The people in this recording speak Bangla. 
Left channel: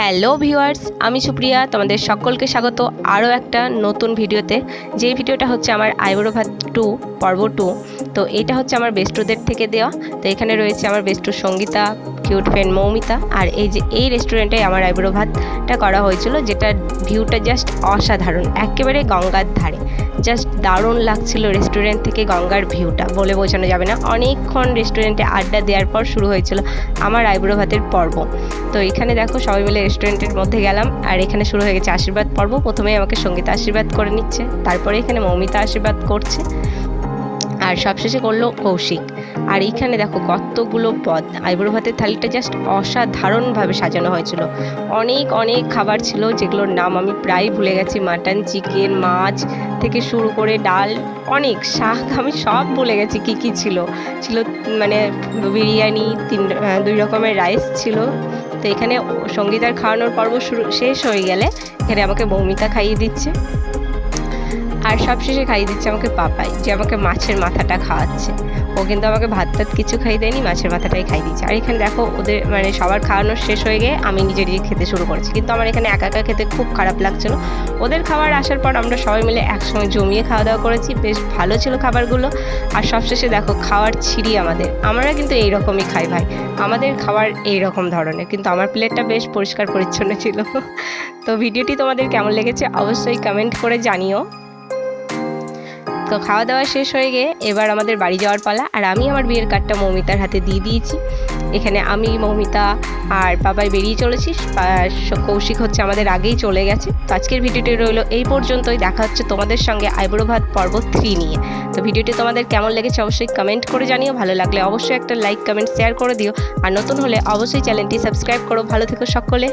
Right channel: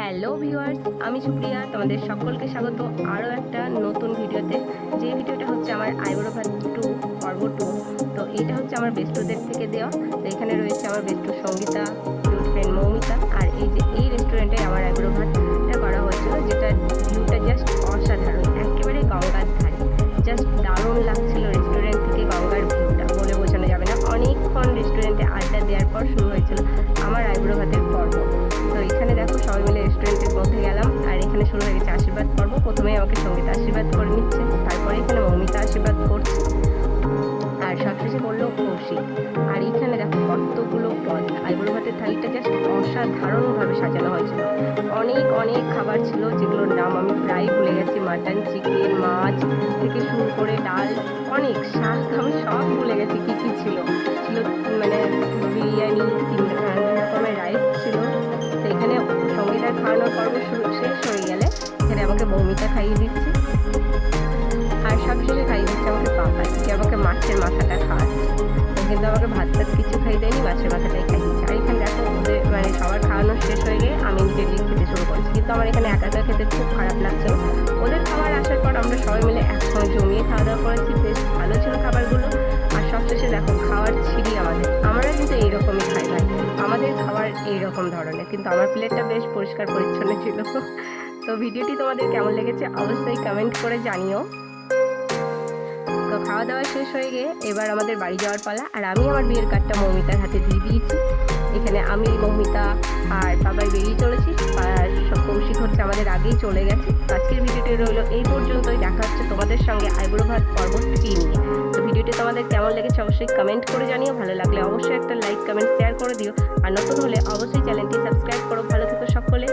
হ্যালো ভিউয়ার্স, আমি সুপ্রিয়া, তোমাদের সকলকে স্বাগত আরও একটা নতুন ভিডিওতে। যেই ভিডিওটা হচ্ছে আমার আইবুড়ো ভাত 2 পর্ব 2। তো এটা হচ্ছে আমার বেস্টুদের থেকে দেওয়া। তো এখানে রয়েছে আমার বেস্টু সঙ্গীতা, কিউট ফ্রেন্ড মৌমিতা, আর এই যে এই রেস্টুরেন্টে আমার আইবুড়ো ভাতটা করা হয়েছিল, যেটার ভিউটা জাস্ট অসাধারণ, একেবারে গঙ্গার ধারে। জাস্ট দারুণ লাগছিল রেস্টুরেন্ট থেকে গঙ্গার ভিউটা, বলে বোঝানো যাবে না। অনেকক্ষণ রেস্টুরেন্টে আড্ডা দেওয়ার পর শুরু হয়েছিল আমার আইবুড়ো ভাতের পর্ব। তো এখানে দেখো সবাই মিলে রেস্টুরেন্টের মধ্যে গেলাম, আর এখানে শুরু হয়ে গেছে আশীর্বাদ পর্ব। প্রথমে আমাকে সঙ্গীতা আশীর্বাদ করে নিচ্ছে, তারপরে এখানে মৌমিতা আশীর্বাদ করছে, আর সবশেষে করলো কৌশিক। আর এইখানে দেখো কতগুলো পদ, আইবুড়ো ভাতের থালিটা জাস্ট অসাধারণভাবে সাজানো হয়েছিল। অনেক অনেক খাবার ছিল, যেগুলোর নাম আমি প্রায় ভুলে গেছি। মাটন, চিকেন, মাছ থেকে শুরু করে ডাল, অনেক শাক, আমি সব ভুলে গেছি কি কি ছিল। মানে বিরিয়ানি, 2 রকমের রাইস ছিল। তো এখানে সঙ্গীতার খাওয়ানোর পর্ব শেষ হয়ে গেলে এখানে আমাকে মৌমিতা খাইয়ে দিচ্ছে, আর সবশেষে খাইয়ে দিচ্ছে আমাকে পাপাই, যে আমাকে মাছের মাথাটা খাওয়াচ্ছে। ও কিন্তু আমাকে ভাত টাত কিছু খাইয়ে দেয়নি, মাছের মাথাটাই খাইয়ে দিচ্ছে। আর এখানে দেখো ওদের মানে সবার খাওয়ানোর শেষ হয়ে গিয়ে আমি নিজে খেতে শুরু করেছি, কিন্তু আমার এখানে একা একা খেতে খুব খারাপ লাগছিল। ওদের খাবার আসার পর আমরা সবাই মিলে একসঙ্গে জমিয়ে খাওয়া দাওয়া করেছি, বেশ ভালো ছিল খাবারগুলো। আর সবশেষে দেখো খাওয়ার ছিঁড়ি আমরা কিন্তু এইরকমই খাই ভাই, আমাদের খাবার এইরকম ধরনের, কিন্তু আমার প্লেটটা বেশ পরিষ্কার পরিচ্ছন্ন ছিল। তো ভিডিওটি তোমাদের কেমন লেগেছে অবশ্যই কমেন্ট করে জানিও। তো খাওয়া দাওয়া শেষ হয়ে গিয়ে এবার আমাদের বাড়ি যাওয়ার পালা, আর আমি আমার বিয়ের কার্ডটা মৌমিতার হাতে দিয়ে দিয়েছি। এখানে আমি, মৌমিতা আর বাবাই বেরিয়ে চলেছি, কৌশিক হচ্ছে আমাদের আগেই চলে গেছে। তো আজকের ভিডিওটি রইলো এই পর্যন্তই, দেখা হচ্ছে তোমাদের সঙ্গে আইবুড়ো ভাত পর্ব 3 নিয়ে। তো ভিডিওটি তোমাদের কেমন লেগেছে অবশ্যই কমেন্ট করে জানিও, ভালো লাগলে অবশ্যই একটা লাইক কমেন্ট শেয়ার করে দিও, আর নতুন হলে অবশ্যই চ্যানেলটি সাবস্ক্রাইব করো। ভালো থেকো সকলে।